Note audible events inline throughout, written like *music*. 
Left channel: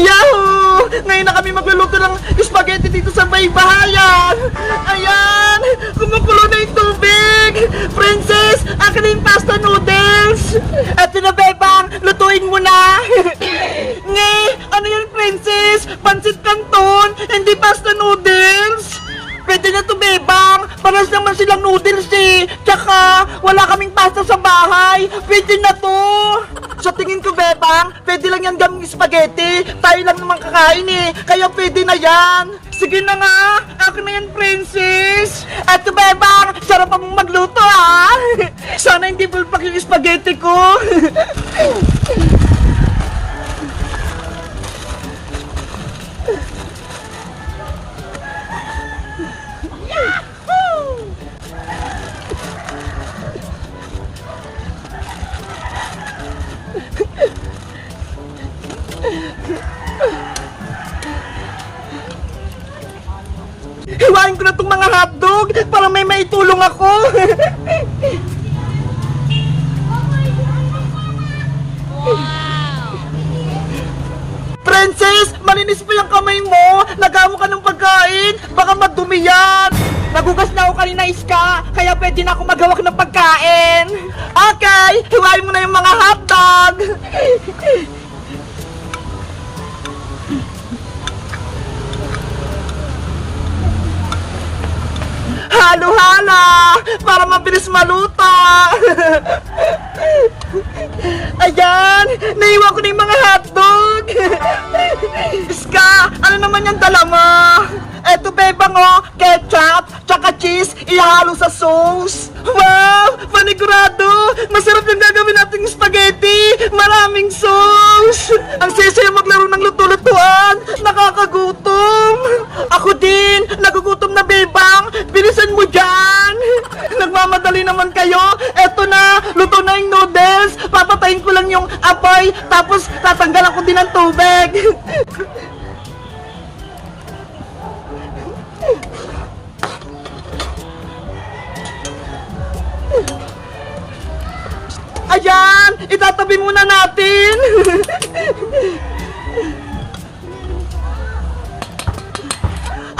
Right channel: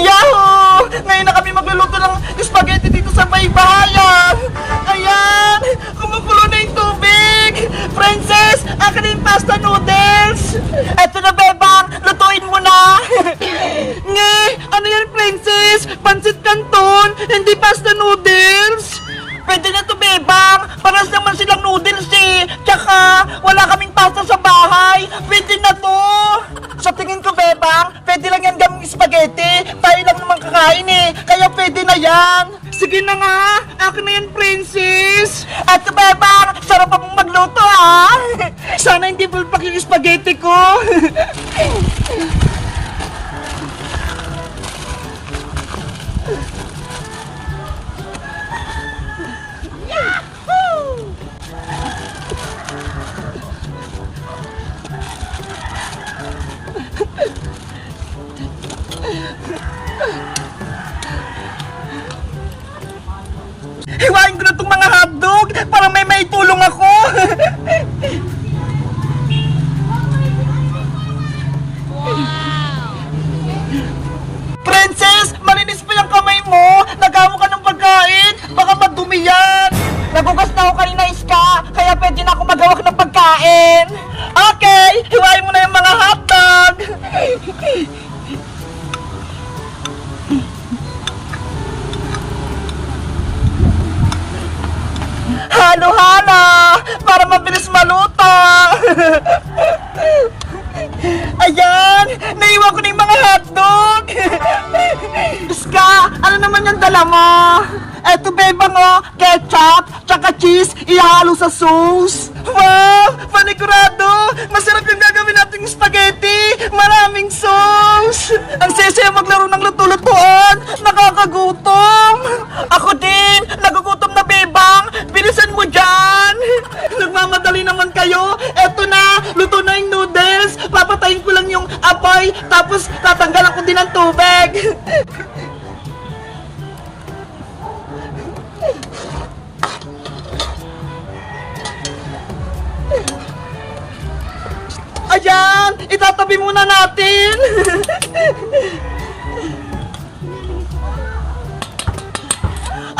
Yahoo! Ngayon na kami magluluto ng spaghetti dito sa may bahayan. Ayan! Kumukulo na yung tubig! Princess, akin na yung pasta noodles! Eto na, Bebang! Lutuin mo na! *coughs* Nge! Ano yan, Princess? Pansit canton, hindi pasta noodles! Pwede na to, Bebang! Paras naman silang noodles eh! Tsaka, wala kaming pasta sa bahay! Pwede na to! Sa tingin ko, Bebang, pwede lang yan gaming spaghetti! Tayo lang naman kakain eh! Kaya pwede na yan! Sige na nga! Akin na yan, princess! At Bebang, sarap pa mong magluto ah! *laughs* Sana hindi bulpak yung spaghetti ko! *laughs* na itong mga hotdog para may maitulong ako! Princess, malinis pa yung kamay mo! Nagamo ka ng pagkain! Baka madumi yan! Nagugas na ako kanina, Iska! Kaya pwede na ako maghawak ng pagkain! Okay! Hiwain mo na yung mga hotdog! Halo-hala! Para mabilis maluto! *laughs* Ayan! Naiwan ko na yung mga hotdog! *laughs* Iska! Ano naman yung dala mo? Eto bebang oh, ketchup, tsaka cheese, ihalo sa sauce. Wow! Panigurado! Masarap yung gagawin nating spaghetti! Maraming sauce! Ang sesaya maglaro ng luto-lutuan! Itatabi muna natin!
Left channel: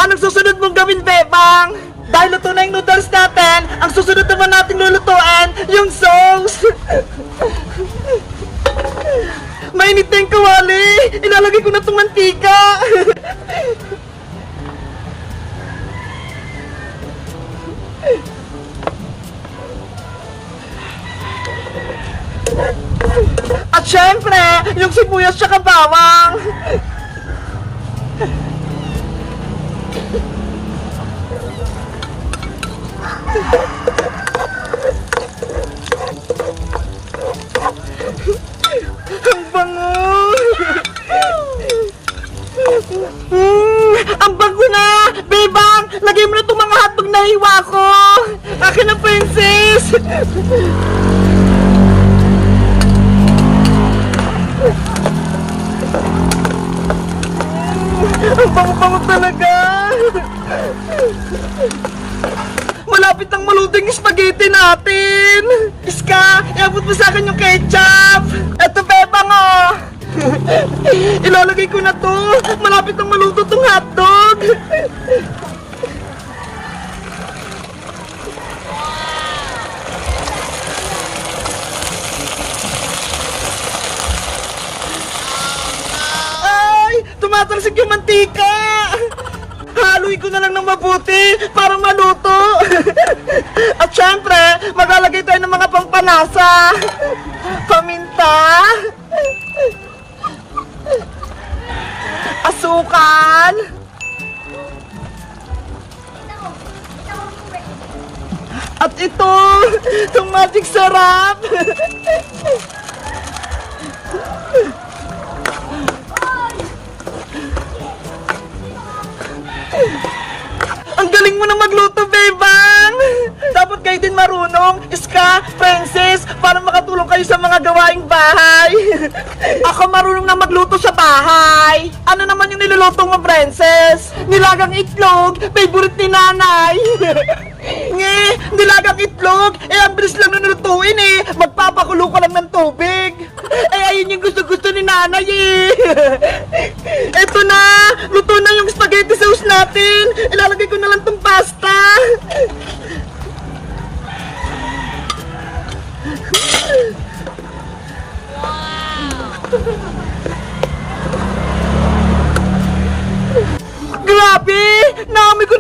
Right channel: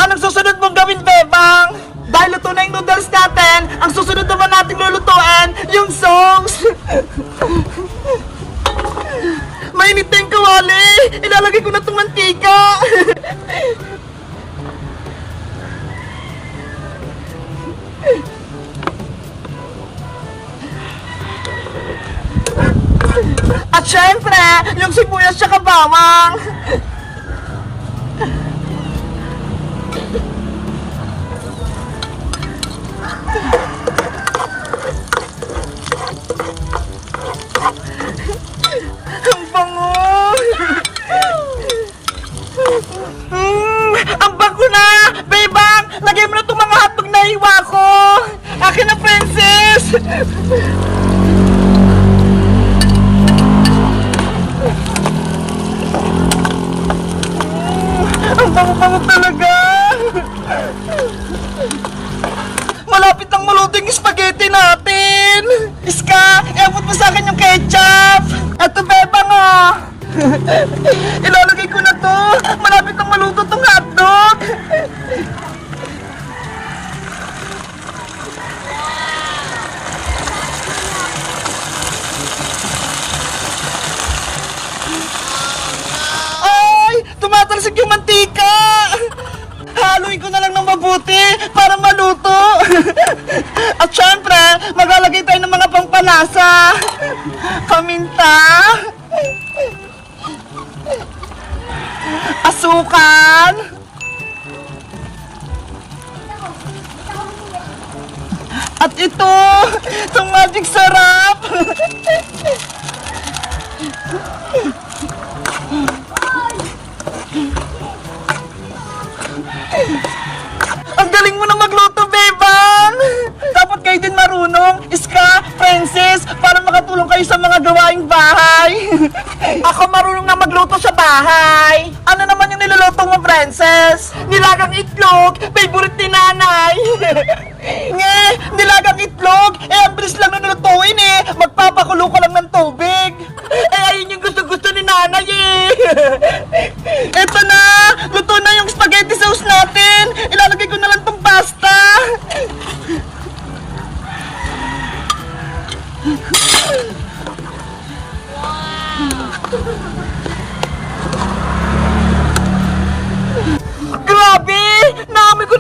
Anong susunod mong gawin, Bebang? Dahil luto na yung noodles natin, ang susunod naman natin lulutuan, yung sauce! Mainit na yung kawali! Ilalagay ko na itong mantika! At syempre, yung sibuyas tsaka bawang! Ang bango! Mm, ang bango na! Bebang! Lagay mo na itong mga hotdog na hiwa ko! Akin na, princess! Ang bango-bango talaga! Malapit nang maluto yung spaghetti natin! Iska, iabot mo sa akin yung ketchup! Eto, bebang oh! Ilalagay ko na to! Malapit nang maluto yung mantika! Haluin ko na lang ng mabuti para maluto. At syempre, maglalagay tayo ng mga pampalasa. Paminta. Asukan. At ito, itong magic sarap. Ang galing mo na magluto, Beban! Dapat kayo din marunong, Iska, Princess, para makatulong kayo sa mga gawaing bahay. Ako marunong na magluto sa bahay. Ano naman yung niluluto mo, Princess? Nilagang itlog, favorite ni nanay. Nge, nilagang itlog, eh ang bilis lang na nilutuin eh. Magpapakulo ka lang ng tubig. Eh ayun yung gusto-gusto ni nanay eh. Eto na!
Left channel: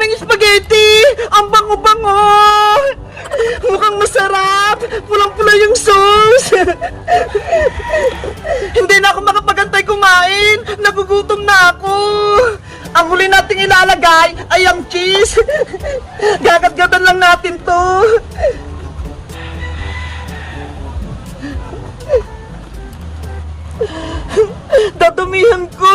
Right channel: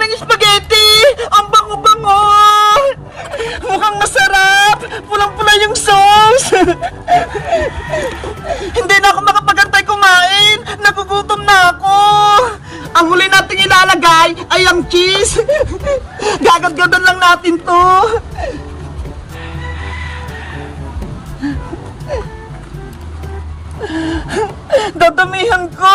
Ng spaghetti! Ang bango-bango! Mukhang masarap! Pulang-pula yung sauce! Hindi na ako makapagantay kumain! Nagugutom na ako! Ang huli nating ilalagay ay ang cheese! Gagadgadan lang natin to! Dadamihan ko!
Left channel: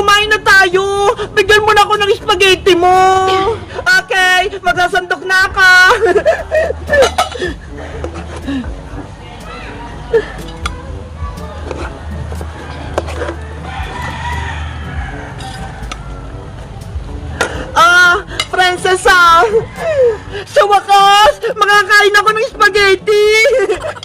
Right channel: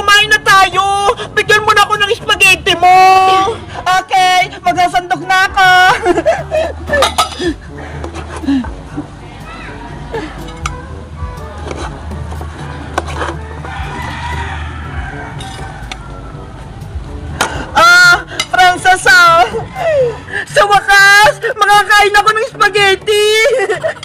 Kumain na tayo! Bigyan mo na ako ng spaghetti mo! Okay, magsasandok na ka! *laughs* Ah, Princess! Sa wakas, makakain ako ng spaghetti! *laughs*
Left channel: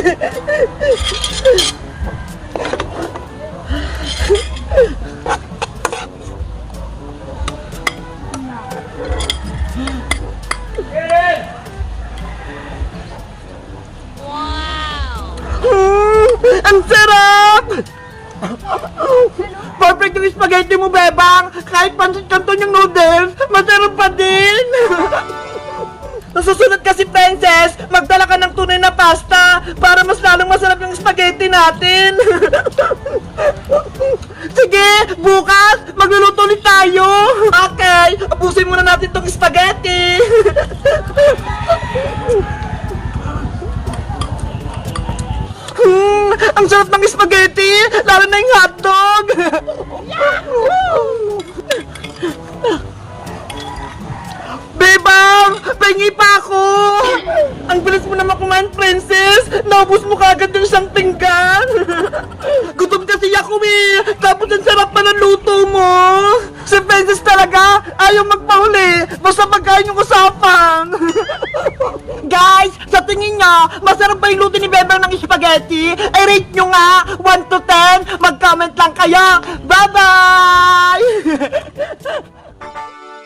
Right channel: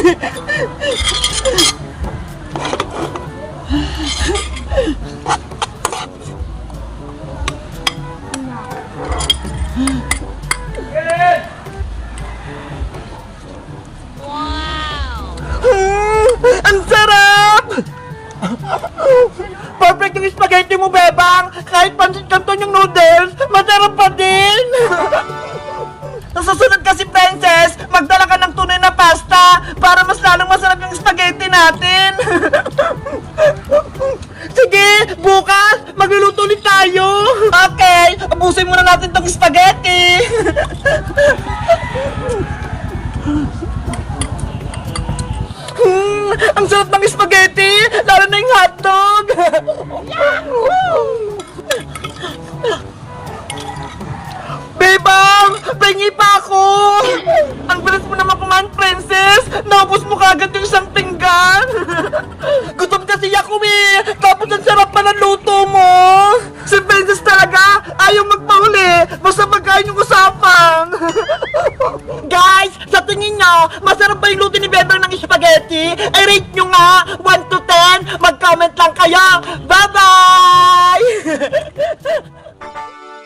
Mm, ang sarap! Perfect yung spaghetti mo, Bebang! Kahit pansit canton yung noodles, masarap pa din! Natin! *laughs* Sige, bukas, magluluto ulit tayo! Okay, abusin muna natin tong spaghetti! *laughs* Hmm, ang sarap ng spaghetti! Lalo na yung hotdog! *laughs* Pengi pa ako! Ang bilis mo naman kumain, princess! Naubos mo kagad yung isang pinggan! *laughs* Gutom kasi ako eh! Tapos ang sarap pa ng luto mo! Si princess talaga ayaw magpahuli! Basta magkain yung usapan! *laughs* Guys, sa tingin nyo, masarap ba yung luto ni Bebang ng spaghetti? I rate nyo nga 1 to 10! Mag-comment lang kayo! Bye-bye! *laughs*